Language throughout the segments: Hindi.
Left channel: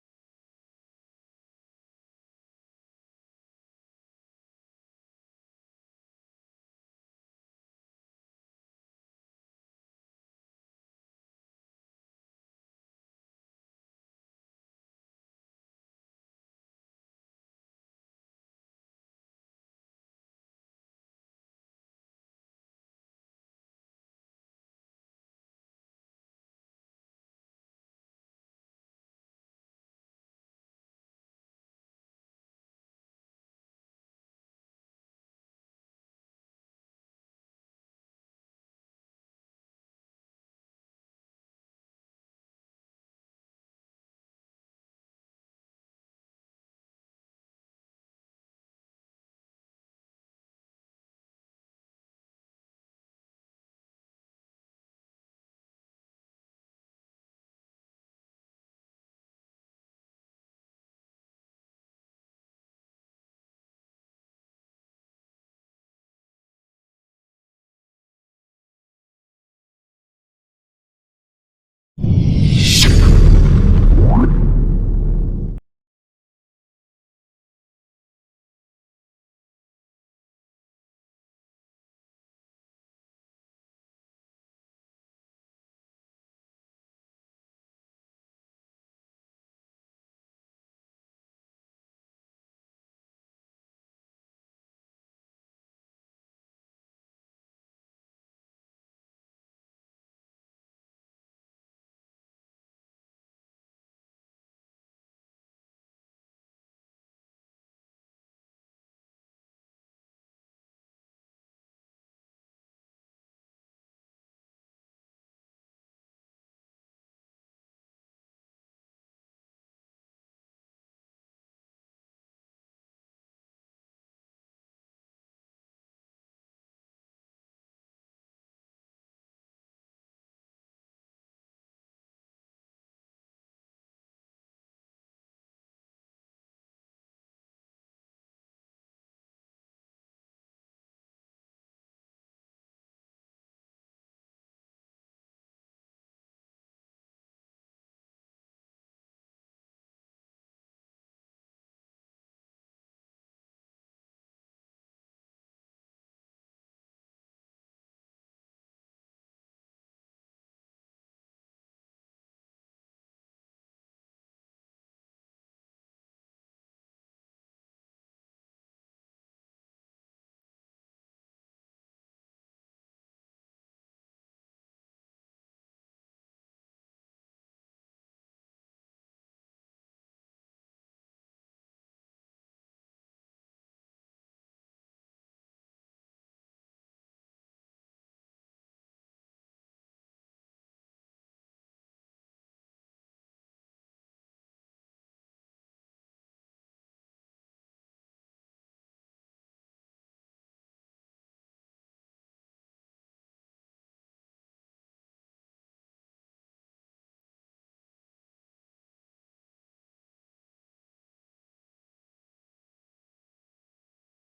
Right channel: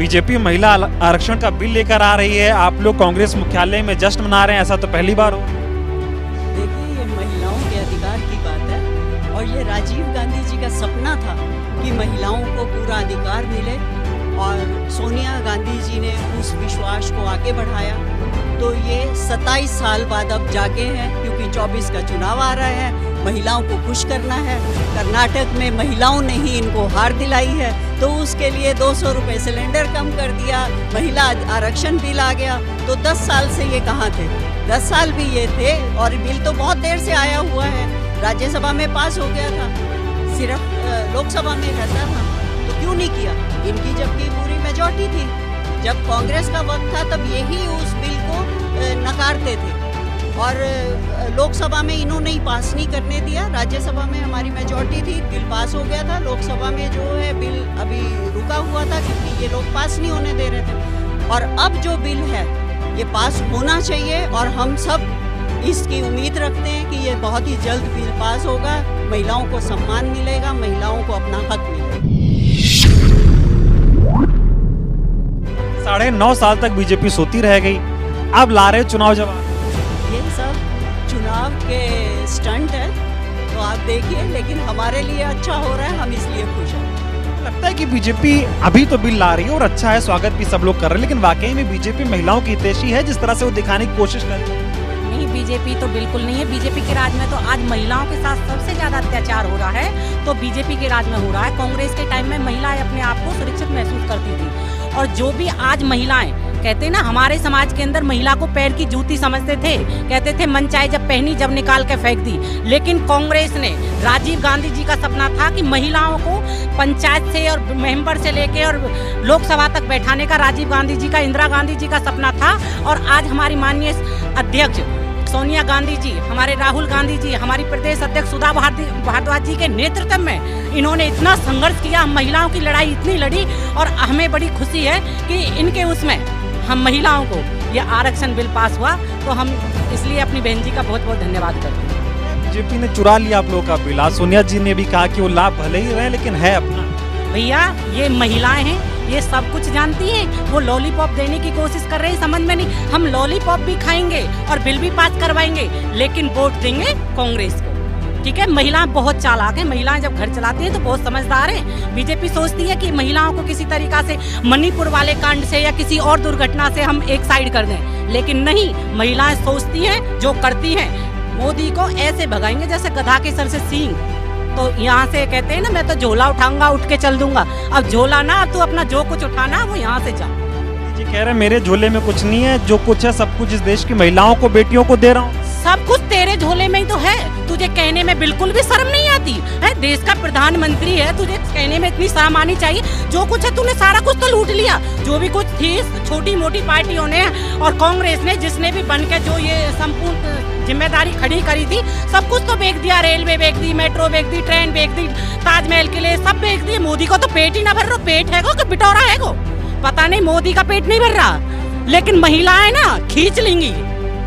बीजेपी महिला आरक्षण का बिल लेकर आ रही है, आप लोग कांग्रेस मुख्यालय में जश्न मना रहे हैं, ऐसा तो पहली बार हो। देखिए, ये महिलाओं के अधिकार की बात है और ये राजीव गांधी जी का सपना था कि महिलाओं को पूरा अधिकार मिले और सोनिया गांधी जी ने उस विश्वास को आगे बढ़ाया। तो ये 27 साल बाद अब जागे हैं, क्योंकि 24 का चुनाव आ रहा है, महिलाओं को खुश करना है। कर्नाटक में महिलाओं ने ही इनको हार दिलाई है, तो उसके लिए 200 रुपये सिलेंडर कम कर दिया, महिला आरक्षण बिल आ गया। तो 10 साल से ये कहाँ थे? 10 साल भी ये थे और बिल तो बहुत देर से आया हुआ है, राज्यसभा में पास हो गया था, सिर्फ लोकसभा में रहता था, तो क्यों नहीं किया? इनकी जबकि पूरी मेजॉरिटी थी, जब कांग्रेस का वक्त था तब यही उस बिल को नकारते थे और लोकसभा में इन्होंने ही पास नहीं करने दिया। राज्यसभा में हमारी मेजॉरिटी थी, बिल पास हो गया था। लोकसभा में जो है बिल अभी रुका हुआ था क्योंकि ये लोग पास नहीं होने दे रहे थे। और अब जो बिल है ये पास होना चाहिए और हम सब इसकी उम्मीद रखते हैं कि ये बहुत ही जल्द बिल पास होगा, महिलाओं को सम्मान मिलेगा, महिलाओं को अपना हक मिलेगा। 9.5 साल तक बीजेपी सोती रह गई, अब ला रहे चुनाव जवाब। ये सब चुनाव के स्टंट है, तो आप देखिए, लेकिन हमारे लिए अच्छा हो रहा है, हम इसलिए खुश हैं। लगता है कि बीजेपी अभी तो बिल ला रही है और अच्छा है, स्वागत भी सब लोग कर रहे हैं, लेकिन वाकई में बीजेपी महिलाओं की हितैषी है जिस तरह से वो दिखाने की कोशिश कर रही है? नहीं, बीजेपी तो बिल्कुल नहीं है। बीजेपी के राज में तो आज महिलाओं के साथ सबसे ज्यादा अत्याचार हो रहा है, तो बीजेपी के राज में हो रहा है। कांग्रेस के टाइम में महिलाएं अपने आप को सुरक्षित महसूस करती थी, और जो भी आज महिलाएं कहते हैं ना, हमारे समाज के अंदर महिला को पैर की जूती समझते थे, कहते थे मन चाहे जब पहनी जब निकाल के फेंक दी। लेकिन कांग्रेस ने, राजीव गांधी जी का सपना था कि महिलाओं को पंचायत से और मेंबर से लेके और लोकसभा तक बैठाने का राजीव गांधी जी का, इंदिरा गांधी जी का सपना था। और आज हमारी माननीय अध्यक्ष सोनिया गांधी जी, हमारे राहुल गांधी जी, हमारी प्रदेश अध्यक्ष सुधा भारद्वाज जी के नेतृत्व में इन्होंने इतना संघर्ष किया, महिलाओं की लड़ाई इतनी लड़ी, और हमें बड़ी खुशी है कि इनके उसमें हम महिलाओं को ये आरक्षण बिल पास हुआ। तो हम इसलिए अपनी बहन जी का बहुत बहुत धन्यवाद करते हैं। बीजेपी ने चुरा लिया आप लोगों का बिल, आज सोनिया जी ने भी कहा कि वो लाभ भले ही रहे लेकिन है अपना। भैया, ये महिलाएं हैं, ये सब कुछ जानती हैं, वो लॉलीपॉप देने की कोशिश कर रहे हैं, समझ में नहीं। हम लॉलीपॉप भी खाएंगे और बिल भी पास करवाएंगे, लेकिन वोट देंगे कांग्रेस को, ठीक है। महिलाएं बहुत चालाक हैं, महिलाएं जब घर चलाती हैं तो बहुत समझदार हैं। बीजेपी सोचती है कि महिलाओं को किसी तरीका से मणिपुर वाले कांड से या किसी और दुर्घटना से हम एक साइड कर दें, लेकिन नहीं, महिलाएं सोचती हैं, जो करती हैं। मोदी को ऐसे भगाएंगे जैसे गधा के सर से सींग। तो यहाँ से कहते हैं ना, मैं तो झोला उठाऊंगा, उठ के चल दूंगा। अब झोला ना, अब तू अपना जो कुछ उठाना वो यहाँ से जा। जी कह रहे मेरे झोले में कुछ नहीं है, जो कुछ है सब कुछ इस देश की महिलाओं को, बेटियों को दे रहा हूँ। सब कुछ तेरे झोले में ही तो है, तुझे कहने में बिल्कुल भी शर्म नहीं आती है? देश का प्रधानमंत्री है, तुझे कहने में इतनी शर्म आनी चाहिए। जो कुछ है तूने सारा कुछ तो लूट लिया, जो भी कुछ थी छोटी मोटी पार्टियों ने और कांग्रेस ने, जिसने भी बन के जो ये संपूर्ण जिम्मेदारी खड़ी करी थी, सब कुछ तो बेच दिया। रेलवे बेच दी, मेट्रो बेच दी, ट्रेन बेच दी, ताजमहल के लिए सब बेच दिए। मोदी को तो पेट ही ना भर रहा, पेट है कि बिटोरा है को पता नहीं, मोदी का पेट नहीं भर रहा, लेकिन महिलाएं ना खींच लेंगी,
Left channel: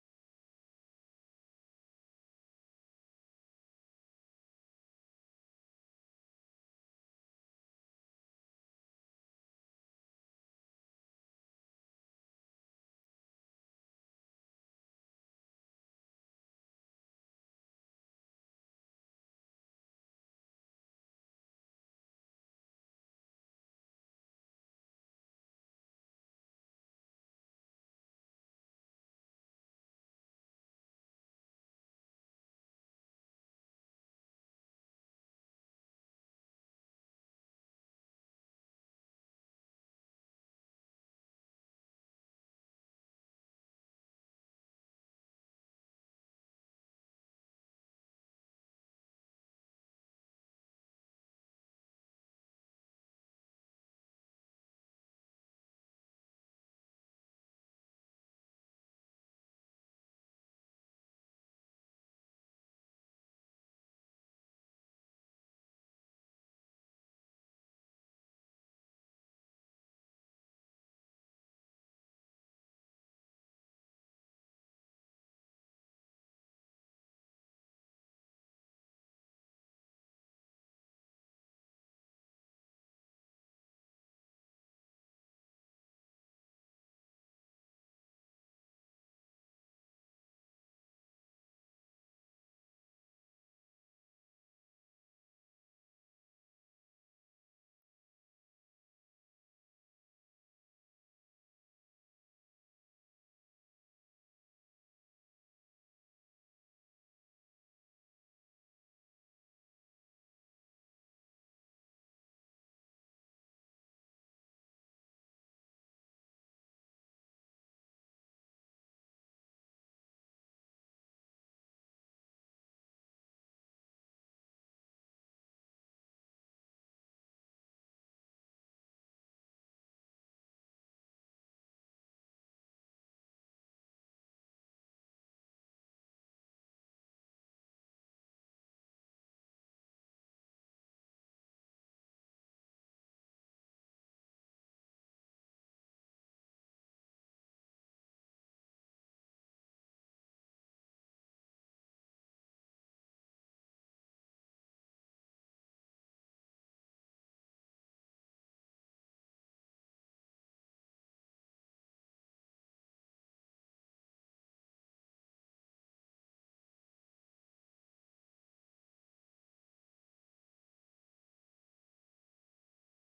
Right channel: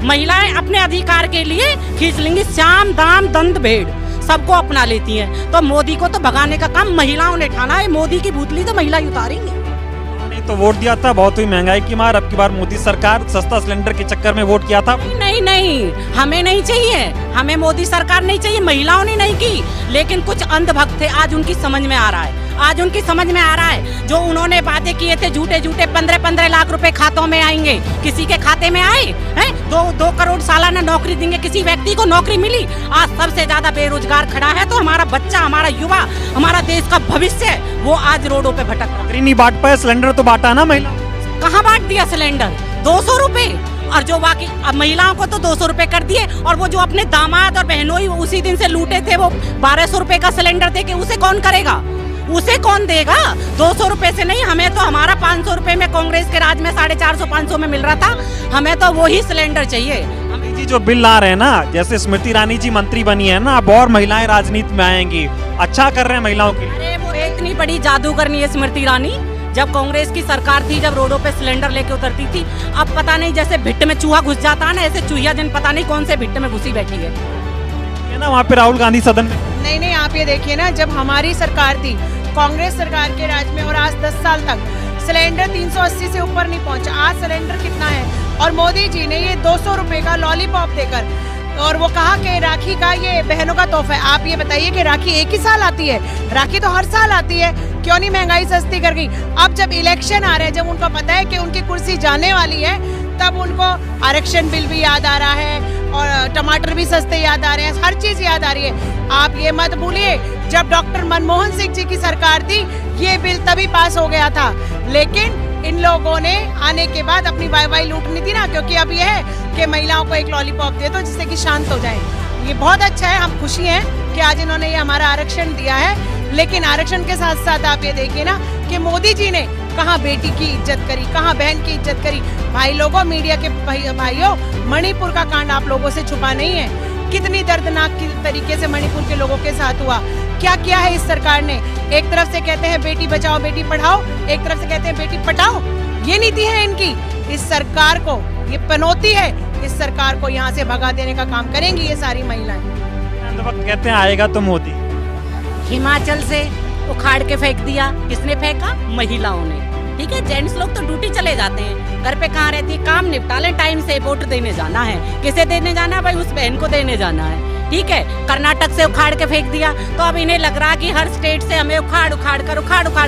महिलाएं अपने अधिकार के लिए खींच लेंगी। श्याम दाम दंड भेड़ सबको अपना लेती हैं, तो मोदी को तो भगाने का काम महिलाओं ने ठाना है। मोदी की भूतली तो महिला उतारेंगे। नहीं तो वोट दिया था, बहुत हुई महंगाई की मार, अब की बार मोदी सरकार सस्ता सिलेंडर के चक्कर में वोट किया था। नहीं नहीं, हमें नहीं चाहिए, हमें मोदी सरकार नहीं चाहिए। महिलाओं ने नहीं की, लेकिन कुछ अंधभक्त थे, आज उनकी समझ में आ रहा है, आज उनकी समझ में आ रहा है। जो उन्होंने वादे किए थे झूठे झूठे, 15-15 लाख रुपए खातों में आएंगे, किसी के खाते में आए हैं? 2 करोड़ सालाना नौकरी देंगे, किसी व्यक्ति को नौकरी मिली? आज सबसे ज्यादा बेरोजगार खड़ा है, तो हमारा बच्चा, हमारा युवा, हमारा देश का भविष्य, वो आज रोडों पे भटक रहा है। नहीं बांट पाए, सिलेंडर तो बांटा ना महिला। कहाँ बांट दिया सिलेंडर? 200 रुपए, और जो बाकी महिलाओं को तो 200 रुपए कर दिए, और वो जो अपने दामाद और बहनों ही उसी दिन से लूटे थे, वो 1200 रुपए का सिलेंडर दे के उसे कौन करेगा? उसे कौन देगा? 200 रुपए से नहीं, हमें तो हमारा 500 रुपए में कांग्रेस के राज में 450-500 में मिल रहा था, हमें तो वही सिलेंडर चाहिए। जी जो बिल ला रहे हैं ना, जैसे स्मृति ईरानी जी मंत्री बनी है ना, अब और महिलाएं राजनीति में आएंगी, अच्छा कर रहे हैं महिलाओं के लिए। अरे वो इतनी बड़ी जादूगरनी है स्मृति ईरानी, जब कांग्रेस की सरकार थी, जब रोडों पे सिलेंडर लेके उतरती थी, अब पता नहीं जैसे भिट्ट में चूहा घुस जाता है ना, ऐसे चूहिया जन पता नहीं कौन से भिट्ट में घुसी बैठी है ना वहाँ पे राहुल गांधी सदन में। नहीं, आप ये देखिए ना, जब हमारी सरकार थी, कांग्रेस सरकार के राज में, और आज 10 साल तक सिलेंडर 380 से ऊपर नहीं पहुंचा। आज सिलेंडर कितना है? और मोदी जी ने ये 200 रुपए का लॉलीपॉप देकर और वो कहा कि राखी का ये बहनों का तोहफा है। आप ये बताइए कि राखी एक ही साल आती है? राखी तो हर साल आती है, क्यों नहीं महंगाई सस्ती कर गई? अब जब इलेक्शन आ रहे हैं, जब उनको पता है कि उनकी कुर्सी जाने वाली है, तब उनको आरक्षण बिल भी याद आ रहा है और टमाटर भी सस्ते याद आ रहे हैं, हर चीज याद आ रही है। आप ये मत भूलिए, जब डॉक्टर मनमोहन सिंह जी की सरकार थी, ये बिल तभी पास हो गया था, लेकिन इन लोगों ने आने के बाद अपनी वाई लूटनी थी ना, क्योंकि अब ये है कि महिलाओं को एक लॉलीपॉप दे दो जिससे कि शांत हो जाए। ये बहुत अच्छा है, हम खुशी हैं कि आज इन्होंने ये हमारा आरक्षण दिया है, लेकिन आरक्षण के साथ साथ आप ये देखिए ना कि मोदी जी ने कहाँ बेटी की इज्जत करी, कहाँ बहन की इज्जत करी। भाई लोगों, मीडिया के भाइयों, मणिपुर का कांड आप लोगों से छुपा नहीं है। कितनी दर्दनाक तरीके से मणिपुर के लोगों के साथ हुआ। क्या किया है इस सरकार ने? एक तरफ से कहते हैं बेटी बचाओ बेटी पढ़ाओ, एक तरफ से कहते हैं बेटी पटाओ। ये नीति है इनकी। इस सरकार को ये पनौती है, इस सरकार को यहाँ से भगा देने का काम करेंगी ये सारी महिलाएं। वक्त कहते हैं आएगा तो मोदी। हिमाचल से उखाड़ के फेंक दिया, किसने फेंका? महिलाओं ने। ठीक है, जेंट्स लोग तो ड्यूटी चले जाते हैं, घर पे कहाँ रहती है, काम निपटा लें, टाइम से वोट देने जाना है। किसे देने जाना है भाई? उस बहन को देने जाना है। ठीक है, कर्नाटक से उखाड़ के फेंक दिया, तो अब इन्हें लग रहा कि हर स्टेट से हमें उखाड़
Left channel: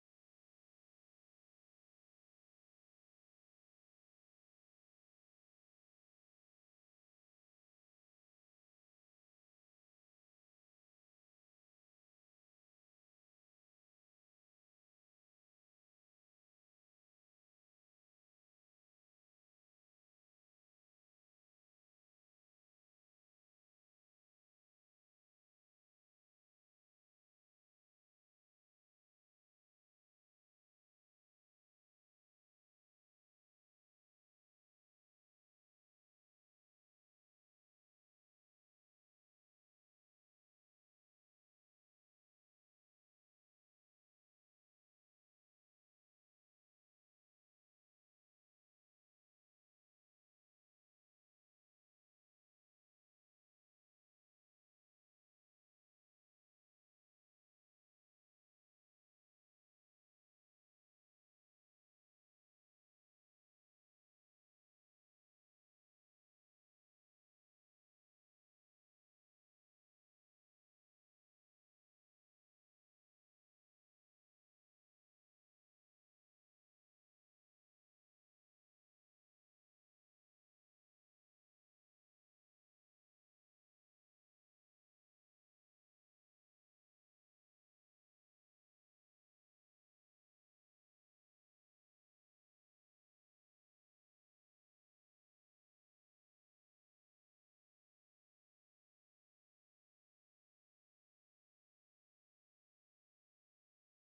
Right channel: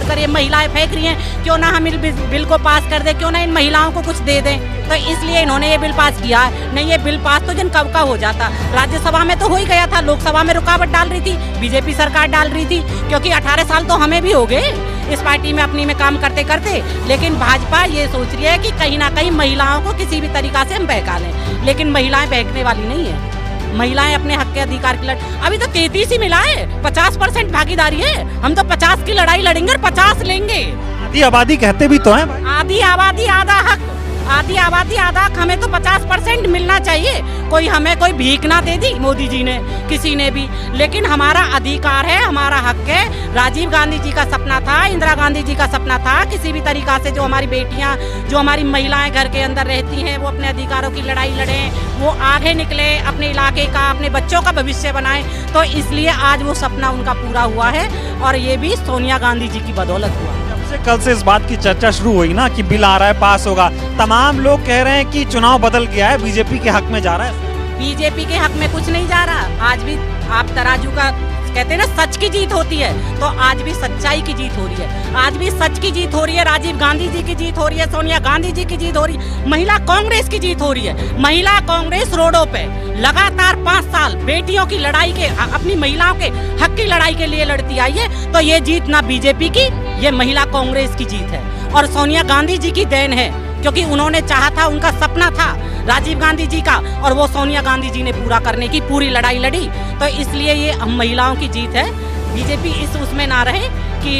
कर ये महिलाएं फेंक रही हैं, क्यों ना हम इस बिल को पास कर दे, क्यों ना इन महिलाओं को कुछ दे दें। तो इसलिए इन्होंने ये बिल पास किया है। नहीं, ये बिल पास तो जन कब का हो जाता। राज्यसभा में तो हो ही गया था, लोकसभा में रुकावट डाल रही थी, बीजेपी सरकार डाल रही थी, क्योंकि 18 साल तो हमें भी हो गए इस पार्टी में अपनी में काम करते करते। लेकिन भाजपा ये सोच रही है कि कहीं ना कहीं महिलाओं को किसी भी तरीका से हम बहका लें, लेकिन महिलाएं बहकने वाली नहीं है। महिलाएं अपने हक के अधिकार की अभी तो 33 ही मिला है, 50% भागीदारी है। हम तो 50 की लड़ाई लड़ेंगे और 50 लेंगे। आधी आबादी कहते भी तो हैं भाई। आधी आबादी आधा हक, आधी आबादी आधा हक। हमें तो 50% मिलना चाहिए। कोई हमें कोई भीख ना दे दी मोदी जी ने, किसी ने भी, लेकिन हमारा अधिकार है, हमारा हक है। राजीव गांधी जी का सपना था, इंदिरा गांधी जी का सपना था, किसी भी तरीका से जो हमारी बेटियां, जो हमारी महिलाएं घर के अंदर रहती हैं, वो अपने अधिकारों की लड़ाई लड़ें, वो आगे निकले, अपने इलाके का, अपने बच्चों का भविष्य बनाएं। तो इसलिए आज वो सपना उनका पूरा हुआ है, और ये भी सोनिया गांधी जी की बदौलत हुआ। कल से इस बात की चर्चा शुरू हुई ना कि बिल आ रहा है, पास होगा, तमाम लोग कह रहे हैं कि चुनाव बदल गया है, बीजेपी के हक में जा रहा है। बीजेपी के हक में कुछ नहीं जा रहा। आज भी आप तराजू का कहते हैं ना, सच की जीत होती है, तो आज भी सच्चाई की जीत हो रही है। आज भी सच की जीत हो रही है, राजीव गांधी जी की जीत हो रही है, सोनिया गांधी जी की जीत हो रही है, महिला कांग्रेस की जीत हो रही है। महिला कांग्रेस रोडों पे लगातार 5 साल बेटियों की लड़ाई के, अपनी महिलाओं के हक की लड़ाई के लिए लड़ती आई है। तो ये जीत ना बीजेपी की, ये महिला कांग्रेस की जीत है, और सोनिया गांधी जी की देन है, क्योंकि उन्होंने चाहा था, उनका सपना था राजीव गांधी जी का, और वो सोनिया गांधी जी ने पूरा करने की पूरी लड़ाई लड़ी। तो इसलिए ये हम महिलाओं की जीत है। बीजेपी इस उसमें ना रहे कि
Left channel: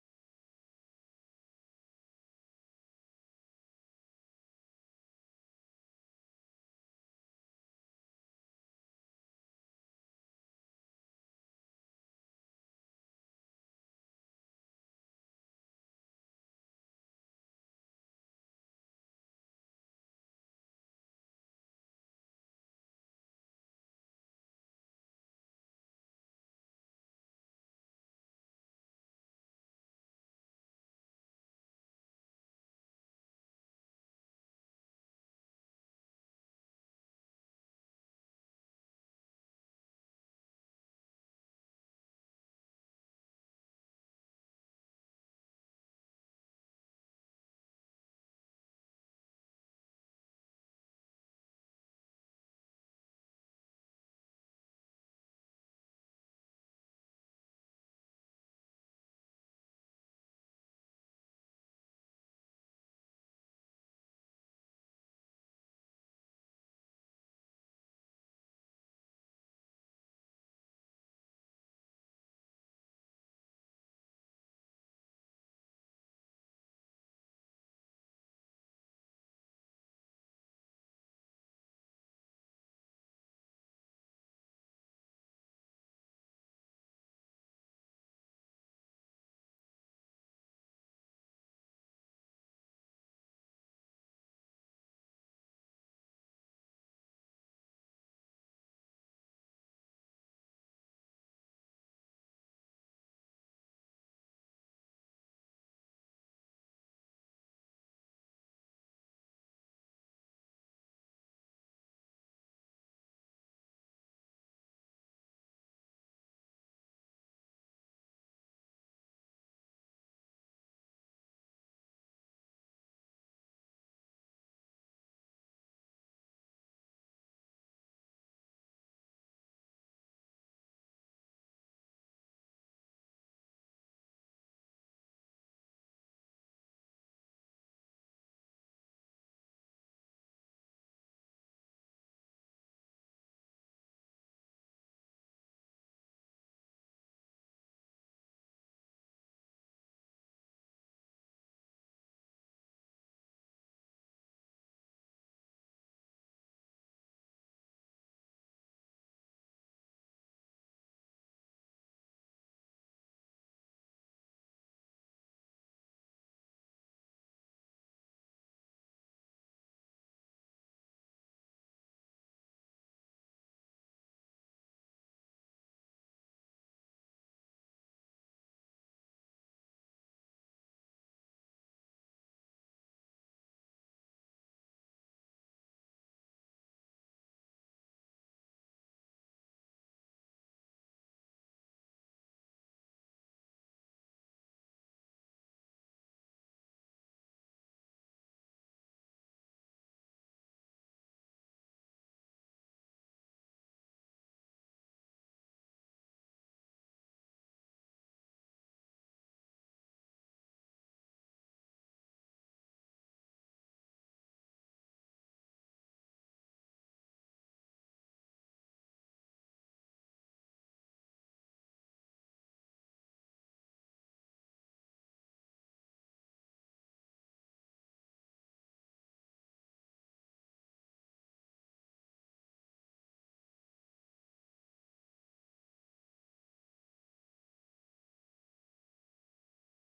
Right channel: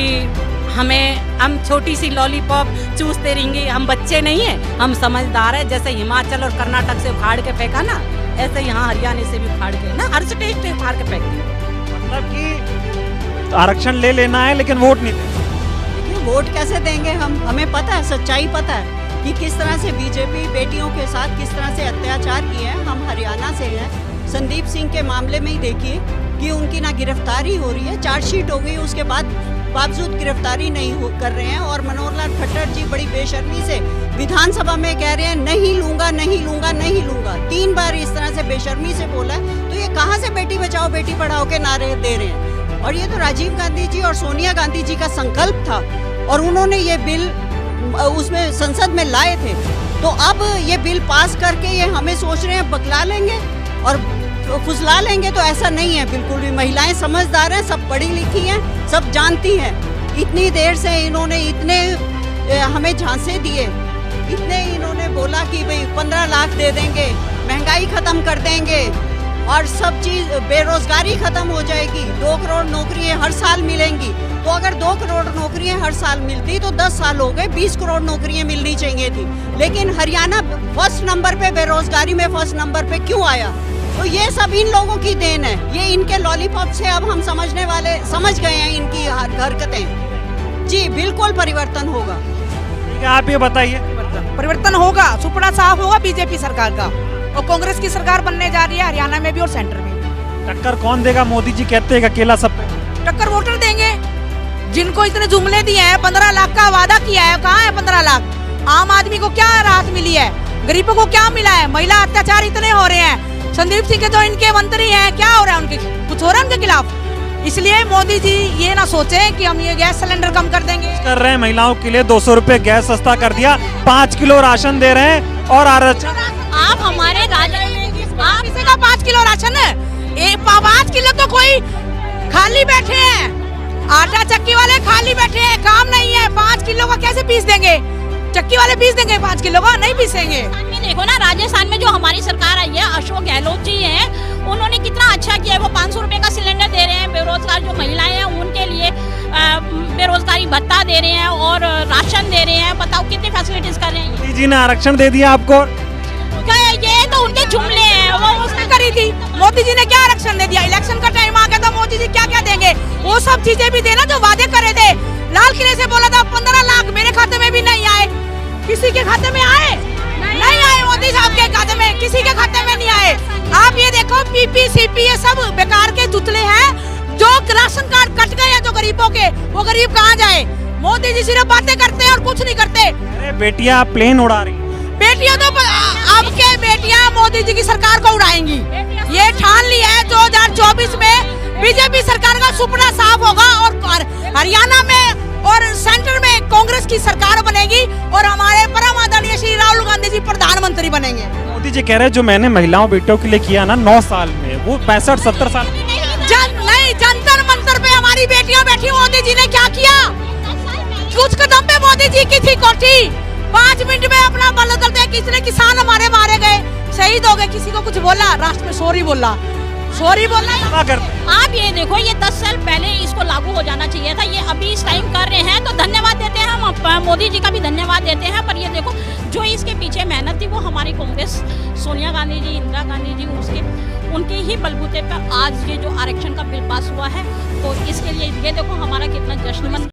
हम छोटी सी लॉलीपॉप चूसते रहेंगे। हम बच्चे नहीं हैं, हम समझदार हैं। जैसे हिमाचल और कर्नाटक से उखाड़ के फेंका ना, ऐसे यहाँ हरियाणा से भी उखाड़ के ना, हर स्टेट से उखाड़ के फेंक दिया। मतलब कि आरक्षण ले लेना है लेकिन वोट नहीं देना। देखिए, वोट कैसे देंगे हम? हमें पता है, सच्चाई पता है कि किस तरह से बीजेपी बेटियों के साथ किस तरह से अत्याचार किए हैं। हम हरियाणा से हैं। संदीप सिंह के मामले में ही देखिए कि उनकी ना गिरफ्तारी हो रही है, चार्जशीट हो गई, उसके बाद बावजूद गिरफ्तारी नहीं कर रहे हैं। और मनोहर लाल खट्टर जी बड़ी बेशर्मी से विधानसभा में कह रहे हैं नहीं लूंगा, नहीं लूंगा, नहीं लूंगा। 3 बार इस तरह से बेशर्मी से बोला है। तो ये कहाँ से बेटी बचाओ बेटी पढ़ाओ के नारे दे रहे हैं? और ये तो राजीव गांधी जी और सोनिया गांधी जी का संकल्प था, और उन्होंने ये बिल उसमें संसद में लाए थे। तो अब ये बिल पास करके ये हमें सोच रहे हैं बकला लेंगे और फुसला लेंगे, तो ऐसा नहीं है बिल्कुल भी। महिलाएं समझदार हैं, सब पढ़ी लिखी हैं, सब जानती हैं। इतनी देर से इन्होंने इतने हमें झांसे दिए, इतने इन्होंने बोला कि भाई 15 लाख दे देंगे, महंगाई खत्म कर देंगे, और सब चीज, बेरोजगारी खत्म हो जाएगी, 2 करोड़ नौकरियां हर साल मिलेंगी। तो अगर 2 करोड़ नौकरियां हर साल मिलती तो 10 साल हो गए, 20 करोड़ नौकरियां मिलनी चाहिए थी। लेकिन हरियाणा फर्स्ट नंबर पे, बेरोजगारी में फर्स्ट नंबर पे क्यों आया? तो ये सब इन लोगों की देन है। ये इनके लॉलीपॉप से अब हम समझ गए हैं इनकी हरकतें। जी बिल्कुल परिवर्तन होगा। ठीक है, आप ये बताइए। परिवर्तन होगा, सुपड़ा साफ होगा बीजेपी सरकार का, और कांग्रेस की सरकार बनने जा रही है हरियाणा में भी और सेंटर में भी। टक्कर कौन देगा? मोदी जी कहते हैं अकेला सब पे। टक्कर वोटर देंगे, जिनको इतने जुमले दिए हैं, 15 लाख का वादा किया है, कहाँ है 15 लाख? आम आदमी को क्या राहत मिली है? गरीबों को क्या मिला है? महिला अत्याचार इतने हो रहे हैं। संदीप सिंह के जो इनके मंत्री हैं, क्या हो रहा है उनके, कुछ हो रहा है उनके खिलाफ? इसलिए मोदी जी ये ना सोचे कि हम ये गैस सिलेंडर कम कर देंगे। कर रहे हैं महिलाओं के लिए 200 रुपए गैस सस्ता कर दिया, 5 किलो राशन दे रहे हैं और आरक्षण। आप हमारे किसी का 5 किलो राशन है, 5 किलो तो कोई खाली बैठे हैं, आटा चक्की वाले खाली बैठे हैं, काम नहीं है। 5 किलो का कैसे पीस देंगे? चक्की वाले पीस देंगे 5 किलो का? नहीं पीसेंगे। देखो ना, राजस्थान में जो हमारी सरकार आई है, अशोक गहलोत जी हैं, उन्होंने कितना अच्छा किया है। वो 500 रुपए का सिलेंडर दे रहे हैं, बेरोजगार जो महिलाएं हैं उनके लिए बेरोजगारी भत्ता दे रहे हैं और राशन दे रहे हैं। बताओ कितनी फैसिलिटीज कर रहे हैं। मोदी जी ने आरक्षण दे दिया आपको। ये तो उनके जुमले हैं, वो उसने करी थी। मोदी जी ने क्या आरक्षण दे दिया? इलेक्शन का टाइम आ गया था, मोदी जी क्या क्या देंगे? वो सब चीजें भी देना जो वादे करे थे। लाल किले से बोला था 15 लाख, मेरे खाते में भी नहीं आए। किसी के खाते में आए? नहीं आए। मोदी साहब के खाते में, किसी के खाते में नहीं आए। आप ये देखो, पीपी सीपी ये सब बेकार के जुतले हैं। जो राशन कार्ड कट गए हैं जो गरीबों के, वो गरीब कहाँ जाए? मोदी जी सिर्फ बातें करते हैं और कुछ नहीं करते। अरे बेटियां प्लेन उड़ा रही, बेटियां तो अब के बेटियां मोदी जी की सरकार को उड़ाएंगी, ये ठान लिया है। 2024 में बीजेपी सरकार का सुपना साफ होगा और हरियाणा में और सेंटर में कांग्रेस की सरकार बनेगी और हमारे परम आदरणीय श्री राहुल गांधी जी प्रधानमंत्री बनेंगे। मोदी जी कह रहे हैं जो मैंने महिलाओं बेटियों के लिए किया ना 9 साल में, वो 65-70 साल नहीं, जंतर मंतर पे हमारी बेटियां बैठी। मोदी जी ने क्या किया? कुछ कदम पे मोदी जी की थी कोठी, 5 मिनट में अपना बंद करते हैं। कितने किसान हमारे मारे गए, शहीद हो गए। किसी को कुछ बोला? राष्ट्र में सॉरी बोला। आप ये देखो, ये 10 साल पहले इसको लागू हो जाना चाहिए था, ये अभी इस टाइम कर रहे हैं तो धन्यवाद देते हैं हम, मोदी जी का भी धन्यवाद देते हैं। पर ये देखो, जो इसके पीछे मेहनत थी वो हमारी कांग्रेस, सोनिया गांधी जी, इंदिरा गांधी जी, उनके ही बलबूते पर आज ये जो आरक्षण का बिल पास हुआ है। तो इसके लिए ये देखो हमारा कितना जश्न